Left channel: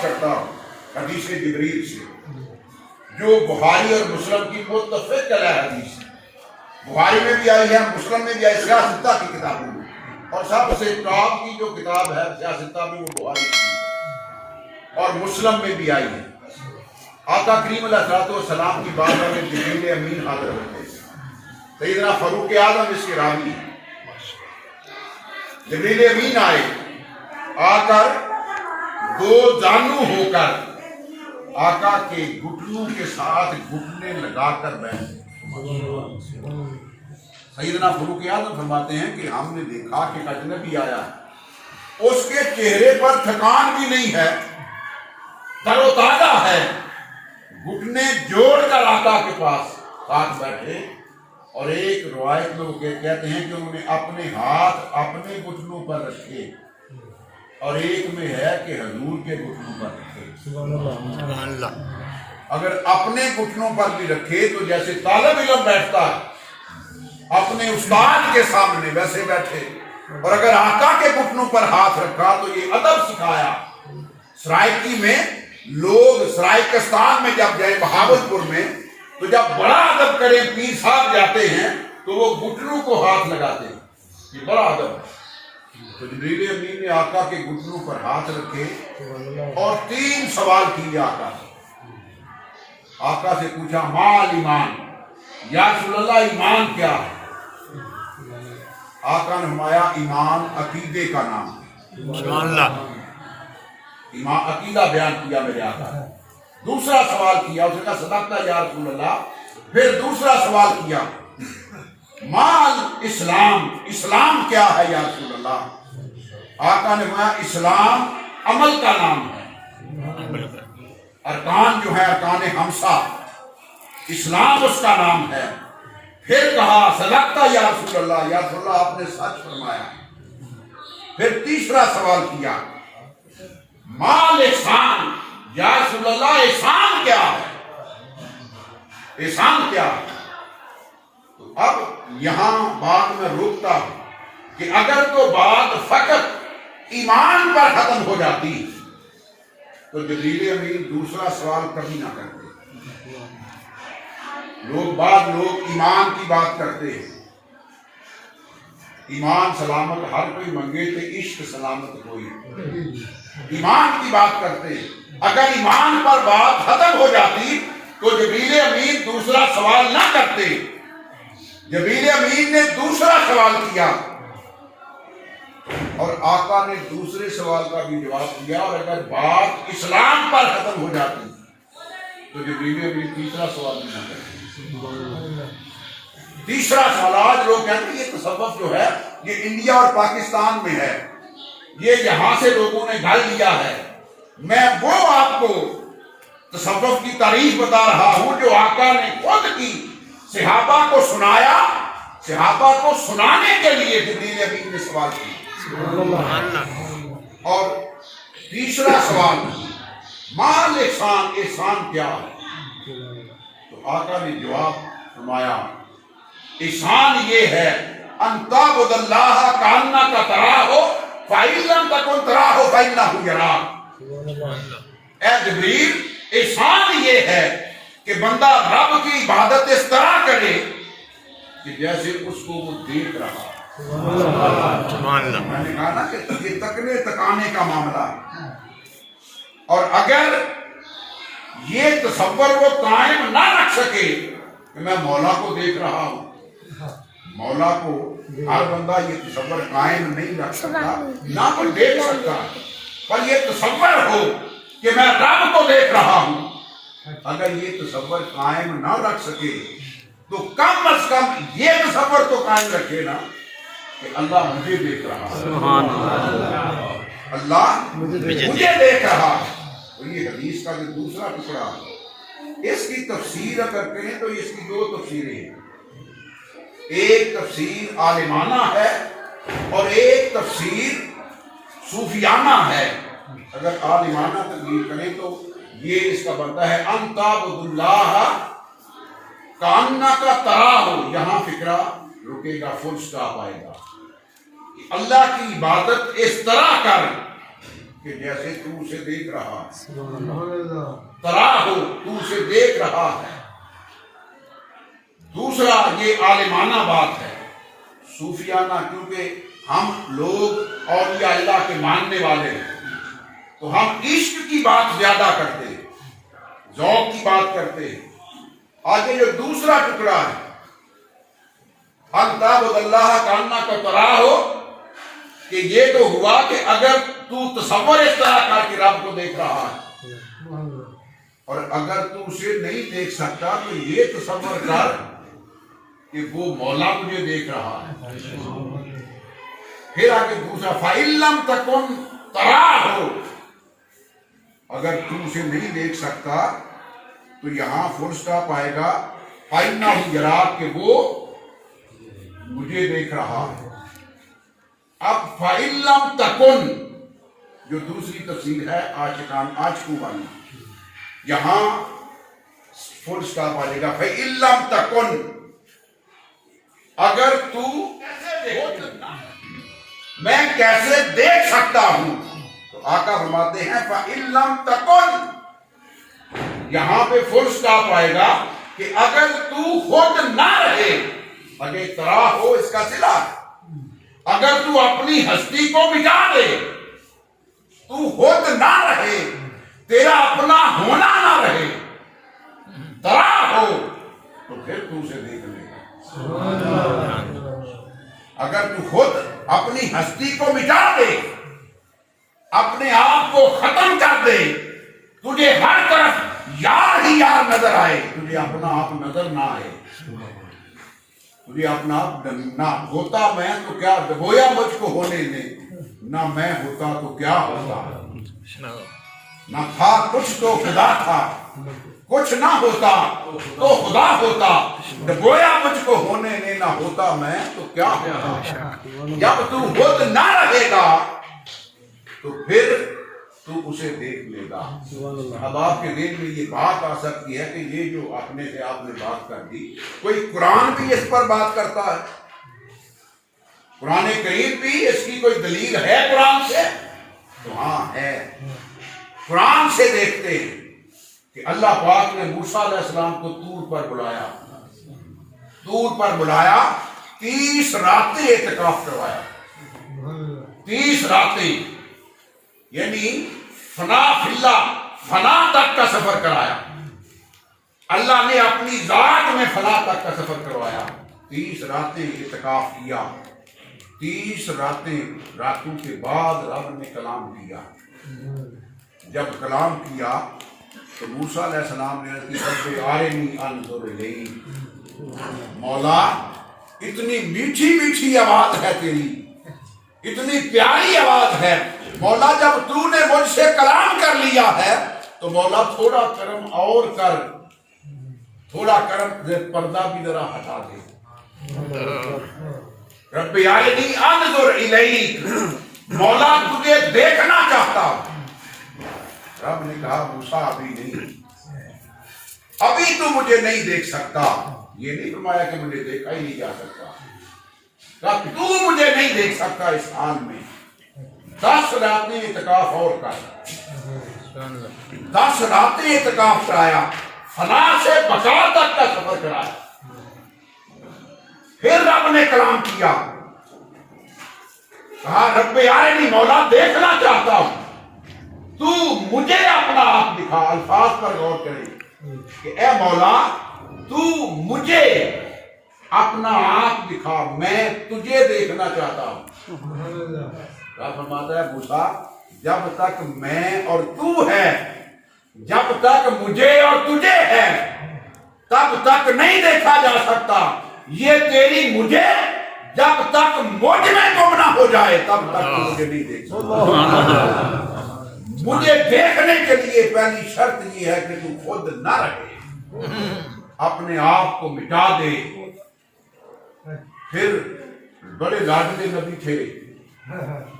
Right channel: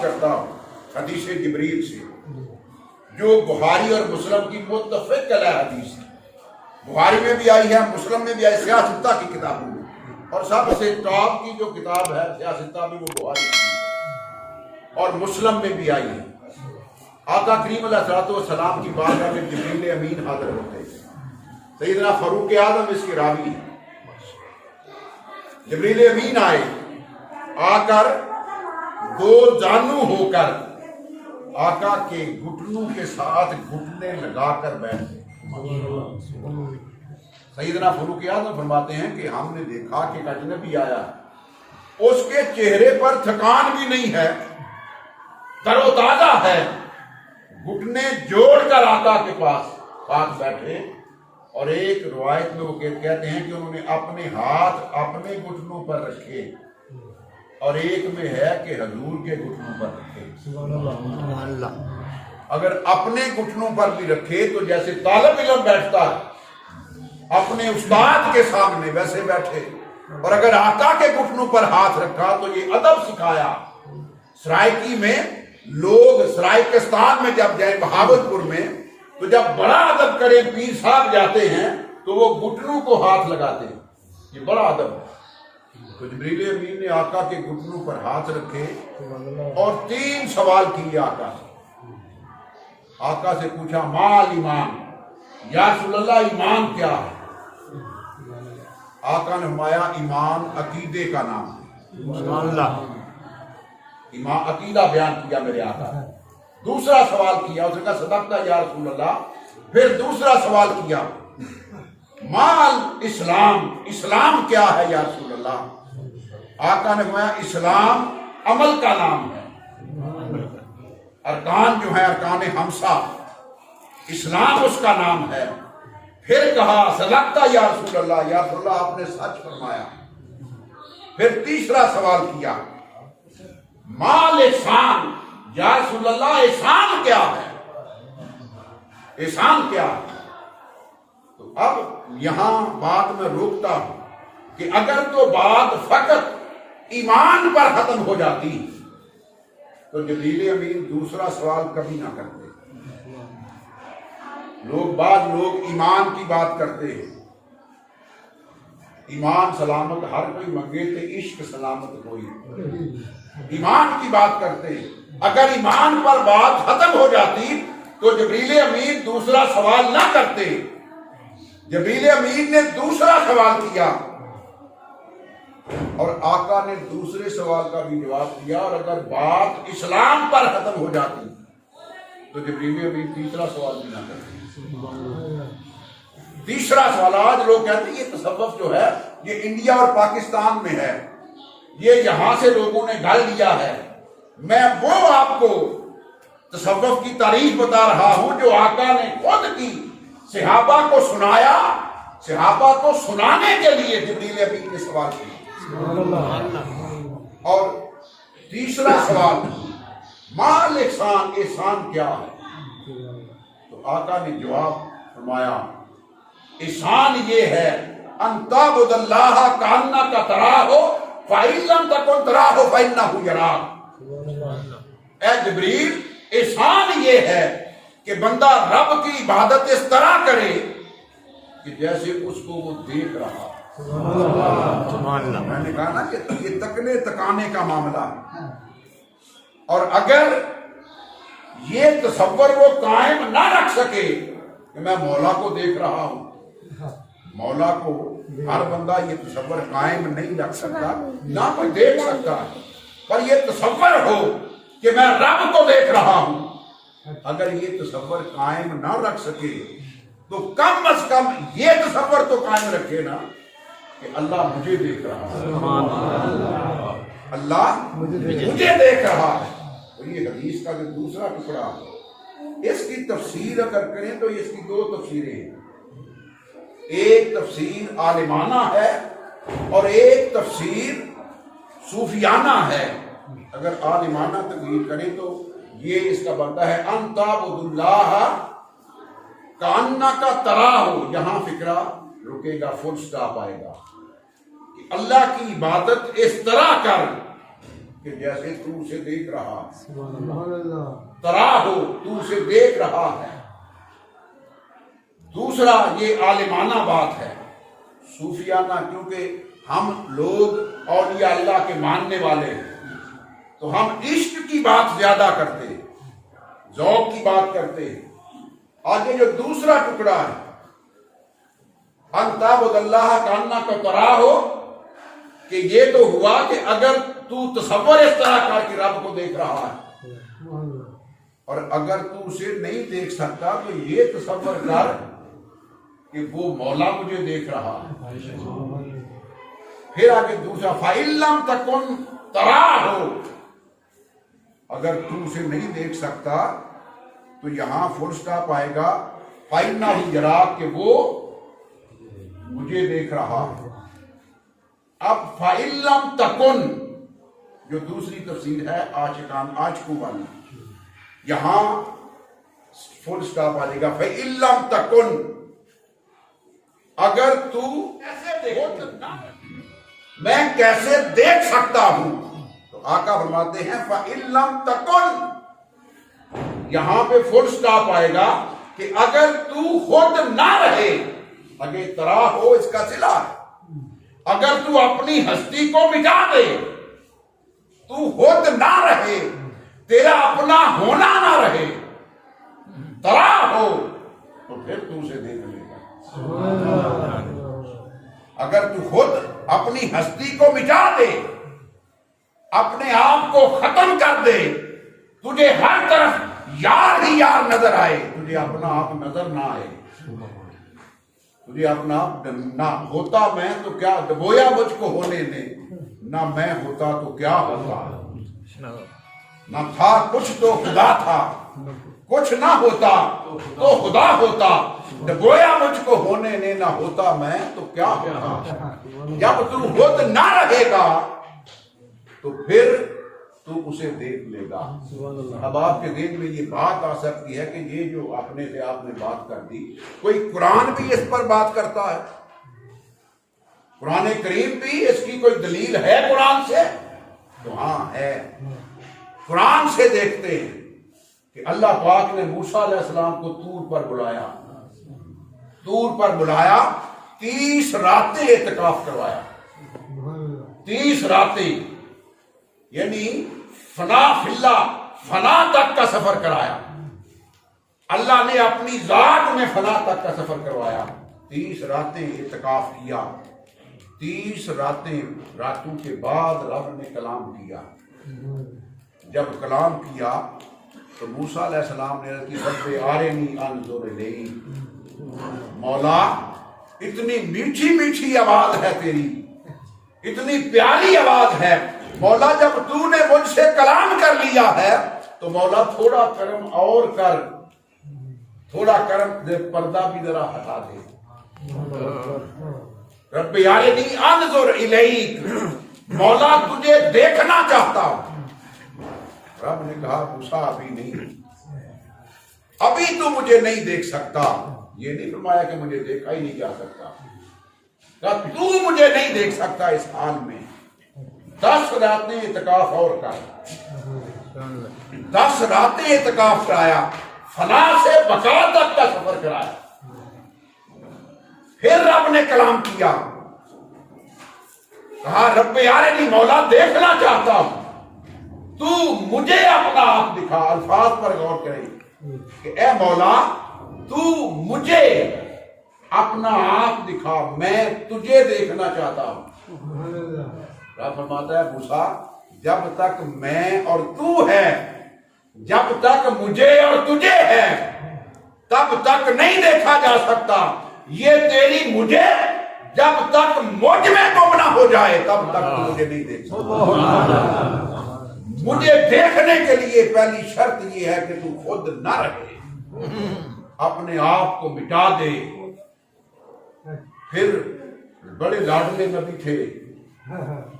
آغاز کرتا ہوں حدیث جبریل سے، جو بخاری اور مسلم کی متفق علیہ حدیث ہے، بخاری میں بھی آئی ہے، مسلم میں بھی آئی، سیاستہ کی کتابوں میں، اور سب سے ٹاپ کی جو کتاب ہے سیاستہ میں وہ بخاری کی اور مسلم میں بھی آئی ہے۔ آقا کریم علیہ السلام کی بارگاہ میں جبریل امین حاضر ہوتے ہیں، سیدنا فاروق اعظم اس کے راوی ہیں۔ جبریل امین آئے، آ کر دو جانو ہو کر آقا کے گھٹنوں کے ساتھ گھٹنے لگا کر بیٹھے۔ سیدنا فاروق اعظم فرماتے ہیں کہ ہم نے دیکھا کہ اجنبی آیا ہے، اس کے چہرے پر تھکان بھی نہیں ہے، تر و تازہ ہے، گھٹنے جوڑ کر آقا کے پاس ساتھ بیٹھے، اور ایک روایت میں وہ کہتے ہیں کہ انہوں نے اپنے ہاتھ اپنے گھٹنوں پر رکھے، اور ایک میں ہے کہ حضور کے گھٹنوں پر رکھے۔ اگر اپنے گھٹنوں پر بھی رکھے تو جیسے طالب علم بیٹھتا اپنے استاد کے سامنے ویسے بیٹھے، اور اگر آقا کے گھٹنوں پر ہاتھ رکھا تو یہ ادب سکھایا۔ سرائکی میں لوگ سرائکستان میں جب جائیں، بہاولپور میں، تو جب بڑا ادب کریں پیر صاحب جاتے ہیں تو وہ گھٹنوں کو ہاتھ لگاتے ہیں، یہ بڑا ادب ہے۔ تو جبریل امین نے آقا کے گھٹنوں پر ہاتھ رکھے اور 3 سوال کیے آقا سے پوچھا مال ایمان، یا رسول اللہ ایمان کیا ہے؟ آقا نے فرمایا ایمان عقیدے کا نام ہے۔ ایمان عقیدہ بیان کیا میرے آقا نے۔ دوسرا سوال کیا، اس نے کہا صدقت یا رسول اللہ۔ پھر دوسرا سوال کیا مال اسلام، اسلام کیا ہے یا رسول اللہ؟ آقا نے فرمایا اسلام عمل کا نام ہے، ارکان جو ہے ارکان خمسہ، اسلام اس کا نام ہے۔ پھر کہا صدقت یا رسول اللہ، یا رسول اللہ آپ نے سچ فرمایا۔ پھر تیسرا سوال کیا مال احسان، یا رسول اللہ احسان کیا ہے؟ احسان کیا ہے؟ تو اب یہاں بات میں روکتا ہوں کہ اگر تو بات فقط ایمان پر ختم ہو جاتی تو جبریل امین دوسرا سوال کبھی نہ کرتے۔ بعض لوگ ایمان کی بات کرتے ہیں، ایمان سلامت ہر کوئی منگے تو عشق سلامت کوئی، ایمان کی بات کرتے ہیں۔ اگر ایمان پر بات ختم ہو جاتی تو جبریل امین دوسرا سوال نہ کرتے۔ جبریل امین نے دوسرا سوال کیا اور آقا نے دوسرے سوال کا بھی جواب دیا، اور اگر بات اسلام پر ختم ہو جاتی تو جبریل امین تیسرا سوال بھی نہ کرتے۔ تیسرا سوال، آج لوگ کہتے ہیں یہ تصوف جو ہے یہ انڈیا اور پاکستان میں ہے، یہ یہاں سے لوگوں نے گھر لیا ہے۔ میں وہ آپ کو تصوف کی تعریف بتا رہا ہوں جو آقا نے خود کی، صحابہ کو سنایا، صحابہ کو سنانے کے لیے جبریل امین نے سوال کیا۔ اور تیسرا سوال مال احسان، احسان کیا ہے؟ تو آقا نے جواب فرمایا احسان یہ ہے ان تعبد اللہ کانک تراہ فإن لم تکن تراہ فإنہ یراک۔ اے جبریل احسان یہ ہے کہ بندہ رب کی عبادت اس طرح کرے کہ جیسے اس کو وہ دیکھ رہا۔ میں نے کہا نا کہ یہ تکنے تکانے کا معاملہ ہے، اور اگر یہ تصور وہ قائم نہ رکھ سکے کہ میں مولا کو دیکھ رہا ہوں، مولا کو ہر بندہ یہ تصور قائم نہیں رکھ سکتا، نہ کوئی دیکھ سکتا، پر یہ تصور ہو کہ میں رب کو دیکھ رہا ہوں، اگر یہ تصور قائم نہ رکھ سکے تو کم از کم یہ تصور تو قائم رکھے نا کہ اللہ مجھے دیکھ رہا، اللہ مجھے دیکھ رہا۔ اور یہ حدیث کا جو دوسرا ٹکڑا اس کی تفسیر اگر کریں تو اس کی 2 تفسیریں ہیں، ایک تفسیر عالمانہ ہے اور ایک تفسیر صوفیانہ ہے۔ اگر عالمانہ تفسیر کریں تو یہ اس کا بنتا ہے ان تعبد اللہ کانک تراہ، یہاں فکرہ رکے گا، فل سٹاپ آئے گا، اللہ کی عبادت اس طرح کر کہ جیسے تو اسے دیکھ رہا ہے، ترا ہو تو اسے دیکھ رہا ہے۔ دوسرا یہ عالمانہ بات ہے، صوفیانہ، کیونکہ ہم لوگ اولیاء اللہ کے ماننے والے ہیں تو ہم عشق کی بات زیادہ کرتے ہیں، ذوق کی بات کرتے ہیں۔ آگے جو دوسرا ٹکڑا ہے، ان تعبد اللہ کانک تراہ ہو، کہ یہ تو ہوا کہ اگر تو تصور اس طرح کر کے رب کو دیکھ رہا ہے، اور اگر تو اسے نہیں دیکھ سکتا تو یہ تصور کر کہ وہ مولا مجھے دیکھ رہا ہے۔ پھر آگے دوسرا فَإِن لَمْ تَكُنْ تَرَاهُ، اگر تو اسے نہیں دیکھ سکتا تو یہاں فل سٹاپ آئے گا فَإِنَّهُ يَرَاكَ، کہ وہ مجھے دیکھ رہا ہے۔ اب فَإِن لَمْ تَكُنْ جو دوسری تفسیر ہے عاشقوں والی، یہاں فل سٹاپ آ جائے گا فَإِن لَمْ تَكُنْ، اگر تو میں کیسے دیکھ سکتا ہوں، تو آقا فرماتے ہیں فَإِن لَمْ تَكُنْ، یہاں پہ فل سٹاپ آئے گا کہ اگر تو خود نہ رہے، اگر ترا ہو اس کا صلہ ہے، اگر تو اپنی ہستی کو مٹا دے، تو خود نہ رہے، تیرا اپنا ہونا نہ رہے، ترا ہو، تو پھر تو اسے دیکھ لے گا۔ اگر تو خود اپنی ہستی کو مٹا دے، اپنے آپ کو ختم کر دے، تجھے ہر طرف یار ہی یار نظر آئے، تجھے اپنا آپ نظر نہ آئے، تجھے اپنا آپ نہ ہوتا میں تو کیا گویا مجھ کو ہونے دے، نہ میں ہوتا تو کیا ہوتا، نہ تھا کچھ تو خدا تھا، کچھ نہ ہوتا تو خدا ہوتا، گویا مجھ کو ہونے دے، نہ ہوتا میں تو کیا ہوتا۔ جب تو خود نہ رہے گا تو پھر تو اسے دیکھ لے گا۔ اب آپ کے ذہن میں یہ بات آ سکتی ہے کہ یہ جو اپنے سے آپ نے بات کر دی، کوئی قرآن بھی اس پر بات کرتا ہے؟ قرآن کریم بھی اس کی کوئی دلیل ہے قرآن سے؟ تو ہاں ہے، قرآن سے دیکھتے ہیں کہ اللہ پاک نے موسیٰ علیہ السلام کو طور پر بلایا، طور پر بلایا، 30 راتیں اعتکاف کروایا، 30 راتیں، یعنی فنا تک کا سفر کرایا۔ اللہ نے اپنی ذات میں فنا تک کا سفر کروایا، 30 راتیں اعتکاف کیا، 30 راتوں کے بعد رب نے کلام کیا۔ جب کلام کیا تو موسیٰ علیہ السلام نے رب ارنی انظر الیک، مولا اتنی میٹھی میٹھی آواز ہے تیری، اتنی پیاری آواز ہے مولا، جب تو نے مجھ سے کلام کر لیا ہے تو مولا تھوڑا کرم اور کر، تھوڑا کرم، پردہ بھی ذرا ہٹا دے۔ رب ارنی انظر الیک، مولا تجھے دیکھنا چاہتا ہوں۔ رب نے کہا موسیٰ ابھی نہیں، ابھی تو مجھے نہیں دیکھ سکتا، یہ نہیں فرمایا کہ مجھے دیکھا ہی نہیں جا سکتا، کہا تو مجھے نہیں دیکھ سکتا اس حال میں، 10 راتیں اعتکاف اور کر، 10 راتیں اعتکاف کرایا، فنا سے بقا تک کا سفر کرایا۔ پھر رب نے کلام کیا، کہا رب ارنی، مولا دیکھنا چاہتا ہوں، تو مجھے اپنا آپ دکھا۔ الفاظ پر غور کریں کہ اے مولا تو مجھے اپنا آپ دکھا، میں تجھے دیکھنا چاہتا ہوں۔ کیا فرماتا ہے موسیٰ، جب تک میں اور تو ہے، جب تک مجھے اور تجھے ہے، تب تک نہیں دیکھا جا سکتا۔ یہ تیری مجھے جب تک مجھ میں گم نہ ہو جائے تب تک تو مجھے نہیں دیکھ سکتا۔ مجھے دیکھنے کے لیے پہلی شرط یہ ہے کہ تو خود نہ رہے، اپنے آپ کو مٹا دے۔ پھر بڑے لاڈلے نبی تھے،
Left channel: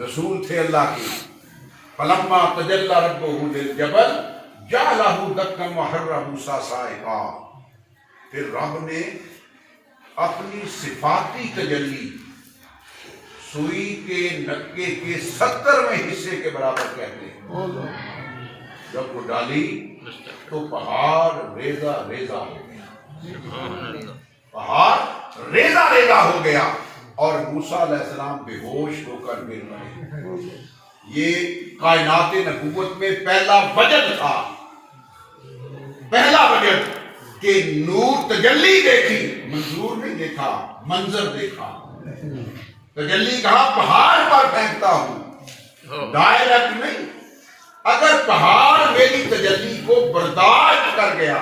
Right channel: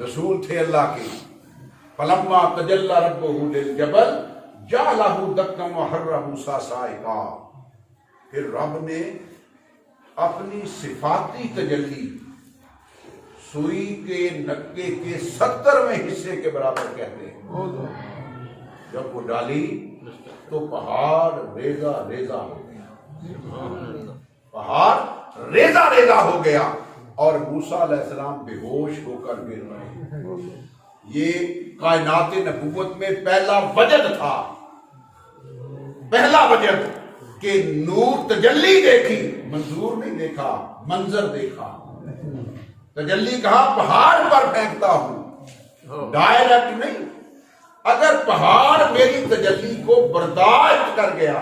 رسول تھے اللہ کے، فلما تجلی ربہ للجبل جعلہ دکا وخر موسیٰ صعقا، پھر رب نے اپنی صفاتی تجلی سوئی کے نکے کے 70ویں حصے کے برابر کہتے ہیں۔ جب وہ ڈالی تو پہاڑ ریزہ ریزہ ہو گیا، پہاڑ ریزہ ریزہ ہو گیا، اور موسیٰ علیہ السلام بے ہوش ہو کر گر پڑے۔ یہ کائنات نبوت میں پہلا وجد تھا، پہلا وجد کہ نور تجلی دیکھی، منظور نہیں دیکھا، منظر دیکھا۔ تجلی کہا پہاڑ پر پھینکتا ہوں، ڈائریکٹ نہیں۔ اگر پہاڑ میری تجلی کو برداشت کر گیا،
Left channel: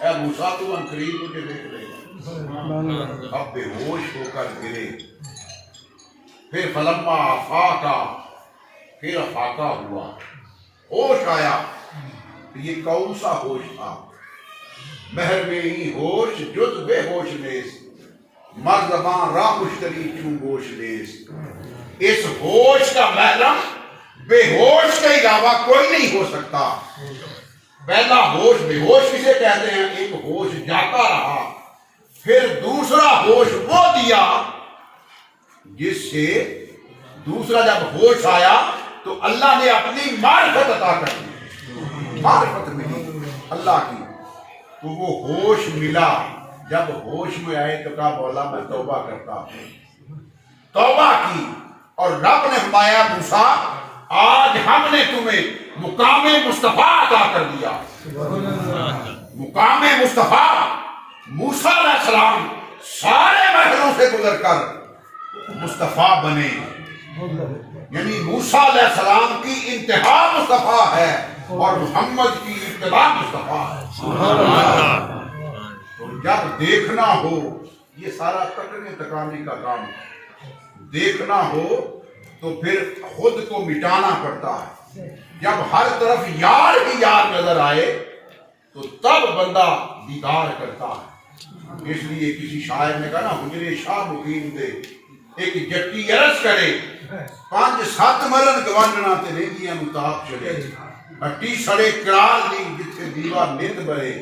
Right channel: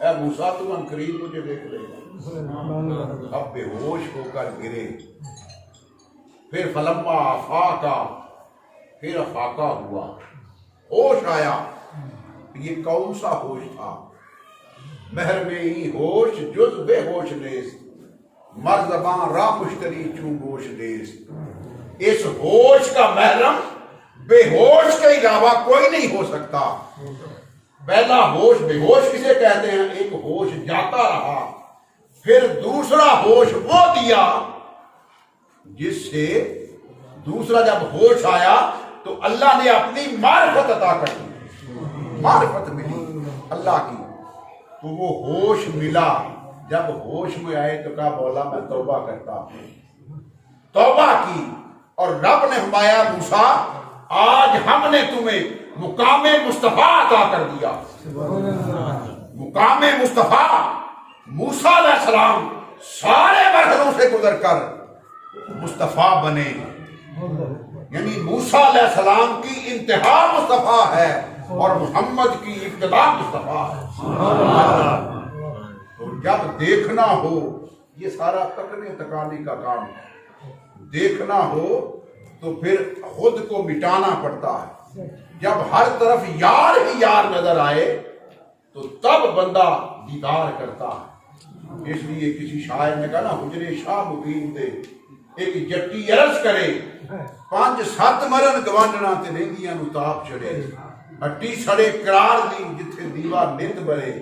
اے موسیٰ تو عنقریب مجھے دیکھ لے گا۔ اب بے ہوش ہو کر گرے، پھر فلما آفاقا، پھر افاقہ ہوا، ہوش آیا۔ یہ کون سا ہوش تھا؟ بحر میں ہی ہوش جز بے ہوش نیز، مرزباں راہ مشتری چون گوش نیز۔ اس ہوش کا محرم بے ہوش کے علاوہ کوئی نہیں ہو سکتا۔ پہلا ہوش بے ہوش کسے کہتے ہیں؟ ایک ہوش جاتا رہا، پھر دوسرا ہوش وہ دیا جس سے دوسرا جب ہوش آیا تو اللہ نے اپنی معرفت عطا کر دی، معرفت ملی اللہ کی، تو وہ ہوش ملا۔ جب ہوش میں آئے تو کہا مولا میں توبہ کرتا ہوں، توبہ کی، اور رب نے فرمایا موسیٰ آج ہم نے تمہیں مقام مصطفیٰ عطا کر دیا۔ مقام مصطفیٰ، موسیٰ علیہ السلام سارے مرحلوں سے گزر کر مصطفیٰ بنے، یعنی موسیٰ علیہ السلام کی انتہا مصطفیٰ ہے اور محمد کی ابتدا مصطفیٰ ہے۔ تو جب دیکھنا ہو، یہ سارا تکنے تکانے کا کام ہے، دیکھنا ہو تو پھر خود کو مٹانا پڑتا ہے۔ جب ہر طرف یار ہی یار نظر آئے تو تب بندہ دیدار کرتا ہے۔ اس لیے کسی شاعر نے کہا نا حجرے شاہ مقیم دے ایک جٹی عرض کرے، 5-7 مرن گوانڈنا تے ریندیاں نو تاپ چڑے، ہٹی سڑے کرال دی جتھے دیوا نت برے،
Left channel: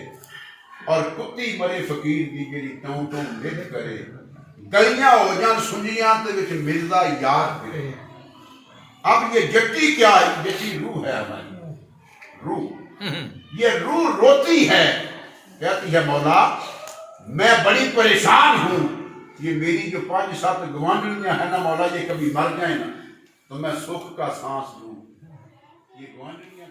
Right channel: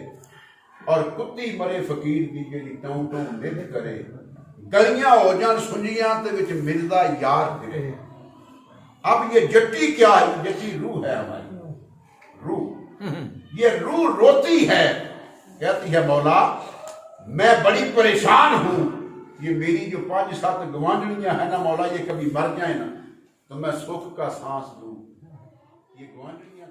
اور کتی مرے فقیر دی جڑی ٹوں ٹوں نت کرے، گلیاں ہو جان سنجیاں تے وچ ملدا یار پھرے۔ اب یہ جٹی کیا ہے؟ جٹی روح ہے ہماری روح، یہ روح روتی ہے، کہتی ہے مولا میں بڑی پریشان ہوں، یہ میری جو 5-7 گوانڈیاں ہیں نا مولا، یہ کبھی مر جائیں نا تو میں سکھ کا سانس لوں۔ یہ گوانڈیاں